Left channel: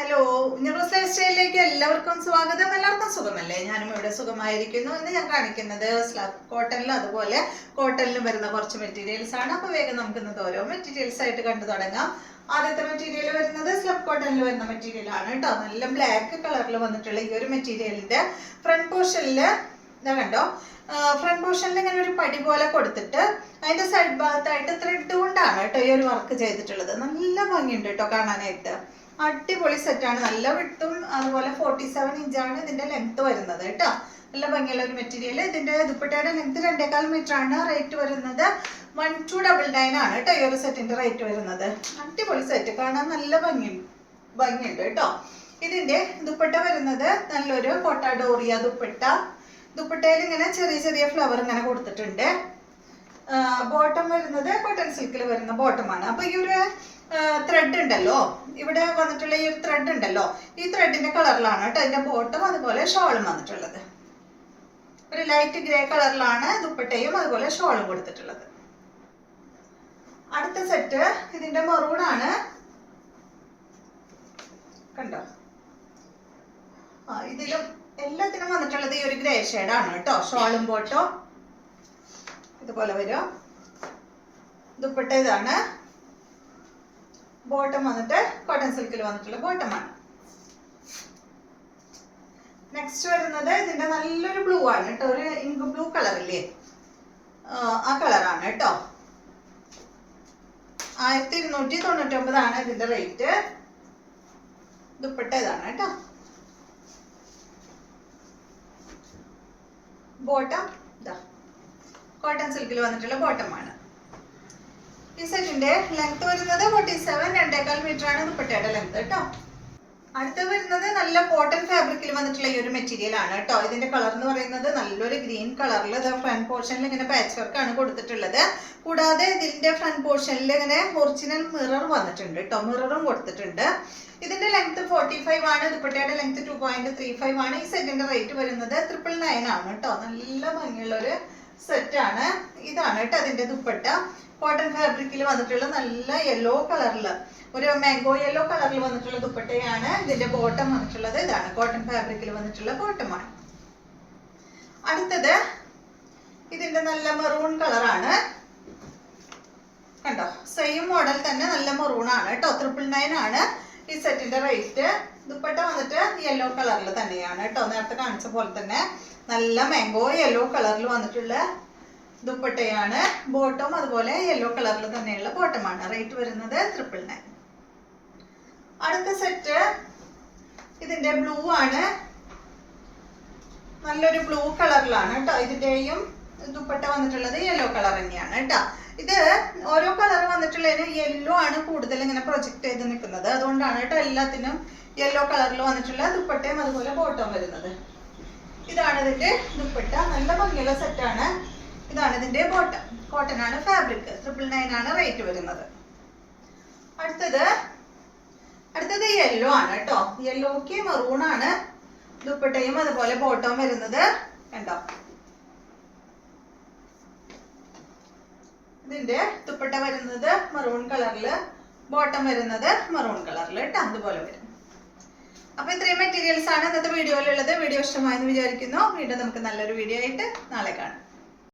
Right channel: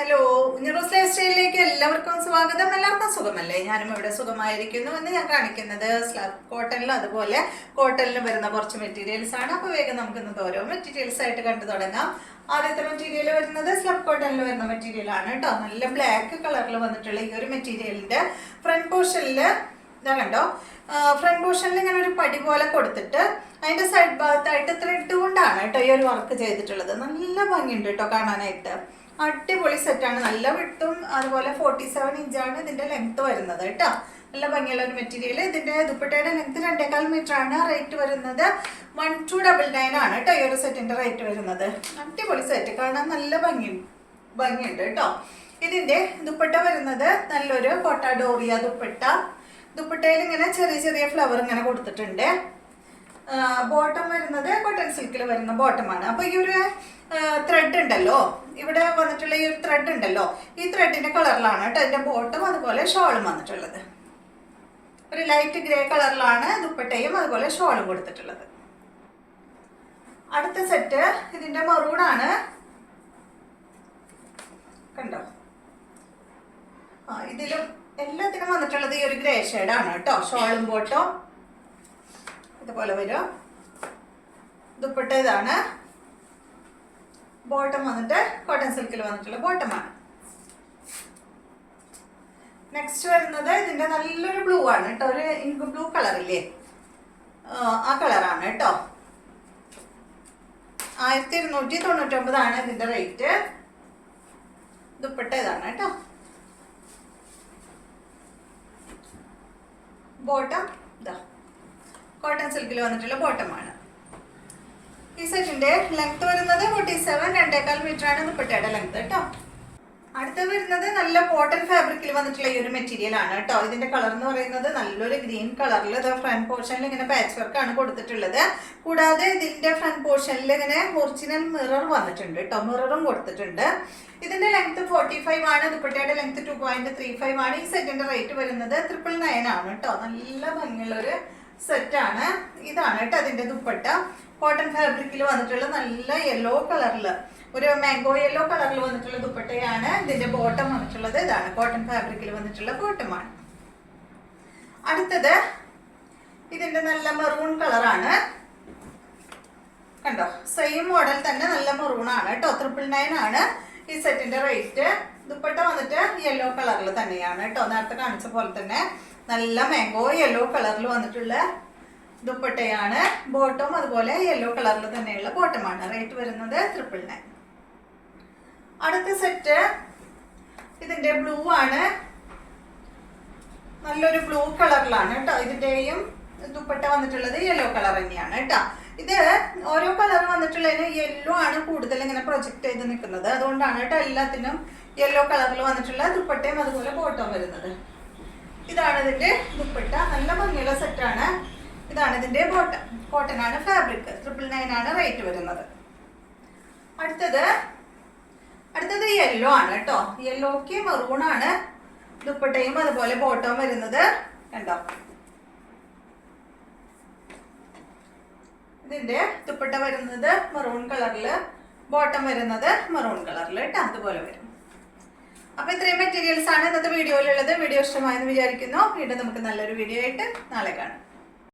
Hello, ന്യൂറോസ് life സ്റ്റൈലിലേക്ക് എല്ലാവർക്കും സ്വാഗതം. എല്ലാവർക്കും സുഖമല്ലേ? ഞാനും ഇവിടെ സുഖമായിരിക്കുന്നു. ഇന്ന് ഞാൻ കാണിക്കുന്നത് സ്ലബ് കോട്ടണിലും അതുപോലെ കോട്ടണിലും വരുന്ന കുറച്ച് മെറ്റീരിയൽസ് ആണ്. അപ്പോൾ വേഗം നമുക്ക് ഇന്നത്തെ ഓരോ മെറ്റീരിയൽസ് ആയിട്ട് കണ്ടു തുടങ്ങാം. ആദ്യത്തെ മെറ്റീരിയൽ വരുന്നത് സ്ലബ് കോട്ടണിൽ വരുന്ന മെറ്റീരിയൽ ആണ് കേട്ടോ. നല്ല ബ്ലാക്ക് കളറിൽ വന്നിട്ടുള്ള ഈ ഒരു മെറ്റീരിയലിന്റെ ഫ്രണ്ട് പോർഷനിൽ ഇതാ കണ്ടോ, ഫ്രണ്ട് പോർഷനിൽ ഇങ്ങനെ ഒരു പടി പോലെ കൊടുത്തിട്ട് അതിന്റെ സൈഡ് ഭാഗത്തായിട്ട് ത്രെഡ് കൊണ്ടാണ് കേട്ടോ ഈ ഒരു വർക്ക് ചെയ്തിട്ടുള്ളത്. നല്ല ഭംഗിയുണ്ട് കേട്ടോ കാണാനായിട്ട്. അടിപൊളി സെറ്റാണ്. നല്ല വിട്ടും അതുപോലെ 47 ഇഞ്ചാണ് ഇതിന്റെ ലെങ്ത് വരുന്നത് കേട്ടോ. നല്ല ഭംഗിയുള്ള ഒരു മെറ്റീരിയൽ. ഇതിന്റെ ദുപ്പട്ടയുടെ ലെങ്ത് 2.25 മീറ്റർ ആണ്. റേറ്റ് വരുന്നത് 1299 ആണ് കേട്ടോ ഈ ഒരു സെറ്റിന്റെ റേറ്റ് വരുന്നത്. അടിപൊളി സെറ്റ്, കാണാൻ നല്ല ഭംഗിയുണ്ട് കേട്ടോ. ഇതിന്റെ ദുപ്പട്ട വരുന്നത് നല്ലൊരു കോട്ടാഡോറിയ ദുപ്പട്ട. ദുപ്പട്ടയിൽ ഇങ്ങനെ ചെറിയ ചെറിയ ഫ്ലവർ ഇങ്ങനെ കൊടുത്തിട്ടുണ്ട്. ബോട്ടം വരുന്നത് കോട്ടൺ സിൽക്കിൽ വരുന്ന ബോട്ടമാണ്. അപ്പൊ ഈ ഒരു ത്രെഡ് ഉണ്ടല്ലോ, ഇവിടെ വന്നിട്ടുള്ള ഈ ഒരു ത്രെഡ് ഉണ്ടല്ലോ, ഈ ത്രെഡിന്റെ കളറിലാണ് കേട്ടോ അതിന്റെ ബോട്ടം അതുപോലെ ഷോളും വന്നിട്ടുള്ളത്. ഒരു ലൈറ്റ് ഗ്രേ കളറിലാണ് ദുപ്പട്ടയും അതുപോലെ ഷോളും കൊടുത്തിട്ടുള്ളത്. അടുത്ത സെറ്റ് ഇതിന്റെ മറൂൺ ആണ്. കണ്ടോ, ഇതിലും എല്ലാത്തിനും വന്നിട്ടുള്ളത് ഈ ഒരു ഗ്രേ ഷെയ്ഡാണ് കേട്ടോ. ഷോളും ബോട്ടോ ഇതുപോലെ വരും. ദുപ്പട്ട ഇതാണ്. ബോട്ടം വന്നിട്ട് കോട്ടൺ സിൽക്കിൽ വന്നിട്ടുള്ള ബോട്ടമാണ്. നെക്സ്റ്റ് വരുന്നത് ഇതിന്റെ നല്ലൊരു ബ്ലൂ ആണ് കേട്ടോ. ഒരു ഇങ്ക് ബ്ലൂ കളറില്ലേ, ആ കളറാണ് കേട്ടോ. 1299 ആണ് ഇതിന്റെ റേറ്റ്. ദുപ്പട്ട ഇതാണ് കേട്ടോ. ബോട്ടം ഇതാ കോട്ടൺ സിൽക്കിൽ വന്നിട്ടുള്ള ബോട്ടമാണ്. ഈ സെറ്റിന്റെ ലെങ്ത് വരുന്നത് 47, 2.25 മീറ്റർ ആണ് ദുപ്പട്ടയുടെ ലെങ്ത് കേട്ടോ. അടുത്ത വരുന്നത് നല്ല കോട്ടൺ ഫാബ്രിക്കിൽ വന്നിട്ടുള്ള ഈ ഒരു മെറ്റീരിയൽ ആണ് കേട്ടോ. ഇതിന്റെ കളർ എന്ന് പറയുന്നത് നല്ലൊരു ഗ്രീൻ കളറിൽ ഫ്രണ്ട് പോർഷനിൽ ഇങ്ങനെ പാച്ച് വർക്ക് ആണ് കൊടുത്തിട്ടുള്ളത്. കൂടാതെ ഇതിന്റെ ഫ്രണ്ട് പോർഷനിൽ ഇങ്ങനെ ഒറിജിനൽ മിറർ വന്നിട്ടുണ്ട് കേട്ടോ. മിററും കൊടുത്തിട്ടുണ്ട്. ഇതിന്റെ ലെങ്ത് 45 ആണ്. ദുപ്പട്ടയുടെ ലെങ്ത് 2.35 ആണ്. ഈ സെറ്റിന്റെ റേറ്റ് വരുന്നത് 999 ആണ് കേട്ടോ. നല്ല ഭംഗിയുള്ള ഒരു സെറ്റാണ്. ഇതാണ് കേട്ടോ അതിന്റെ ദുപ്പട്ട. കോട്ടൺ ഫാബ്രിക്കിൽ വന്നിട്ടുള്ള നല്ല യെല്ലോ കളറിൽ, ഒരു മാംഗോ യെല്ലോ കളറിൽ വന്നിട്ടുള്ള ദുപ്പട്ടയാണ്. ഇതിന്റെ ബോട്ടം വന്നിട്ടുള്ളത് ഇതാണ്. കോട്ടൺ ഫാബ്രിക്കിൽ വന്നിട്ടുള്ള ബോട്ടമാണ്. അടുത്തത് ഇതിന്റെ നല്ല മെറൂൺ കളറാണ്. കണ്ടോ, സെയിം മോഡൽ തന്നെ നല്ല മെറൂൺ ആണ് കേട്ടോ. 999 ആണ് ഈ സെറ്റിന്റെ റേറ്റ്. ദുപ്പട്ട വന്നിട്ട് യെല്ലോ കളറിൽ തന്നെയാണ് കേട്ടോ. നേരത്തെ കാണിച്ച പോലെ തന്നെ നല്ല മാംഗോ യെല്ലോ കളറിൽ വന്നിട്ടുള്ള ദുപ്പട്ടയാണ്. ബോട്ടം അതുപോലെ യെല്ലോ കളറിൽ തന്നെയുള്ള ബോട്ടമാണ്. റേറ്റ് വരുന്നത് 999. അടുത്ത സെറ്റ് ഇതിന്റെ ബ്ലൂ ആണ്. നല്ലൊരു ബ്ലൂ കളറിലാണ് കേട്ടോ. ഇതിന്റെയും ദുപ്പട്ട വന്നിട്ടുള്ളത് യെല്ലോ കളർ തന്നെയാണ് കേട്ടോ. ഇത് ഓരോ കളർ വന്നിട്ടുള്ളതിന് യെല്ലോ ആണ് കൂടുതൽ ഇങ്ങനെ പ്രൊജക്ട് ചെയ്ത് നിൽക്കുന്നത്. അതുകൊണ്ടാണ് കേട്ടോ എല്ലാത്തിനും യെല്ലോ കളറിൽ വന്നിട്ടുള്ള ദുപ്പട്ടയും അതുപോലെ ബോട്ടം വരുന്നത്. ഇതാണ് ഇതിന്റെ ദുപ്പട്ട. നല്ല ഭംഗിയുള്ള സെറ്റാണ്. ഇതാണ് ഇതിന്റെ ബോട്ടം. കോട്ടൺ ആണ് ഫാബ്രിക്. 999 ആണ് റേറ്റ് വരുന്നത്. അടുത്തത് യെല്ലോ ആണ് കേട്ടോ. യെല്ലോക്ക് മെറൂൺ ആണ് ദുപ്പട്ടയും അതുപോലെ ബോട്ടം വരുന്നത്. കണ്ടോ, ഇതിന്റെ ദുപ്പട്ട വരുന്നത് മെറൂൺ കളറില്, ബോട്ടം വരുന്നത് മെറൂൺ കളറിൽ കേട്ടോ. അതുപോലെ വരും. അപ്പൊ ഇത്രയും മെറ്റീരിയൽസ് ആണ് ഇന്നത്തെ വീഡിയോയിലുള്ളത്. വീഡിയോ ഇഷ്ടമായെന്ന് വിചാരിക്കുന്നു. വീണ്ടും നമുക്ക് നല്ലൊരു വീഡിയോ ആയിട്ട് നാളെ കാണാം.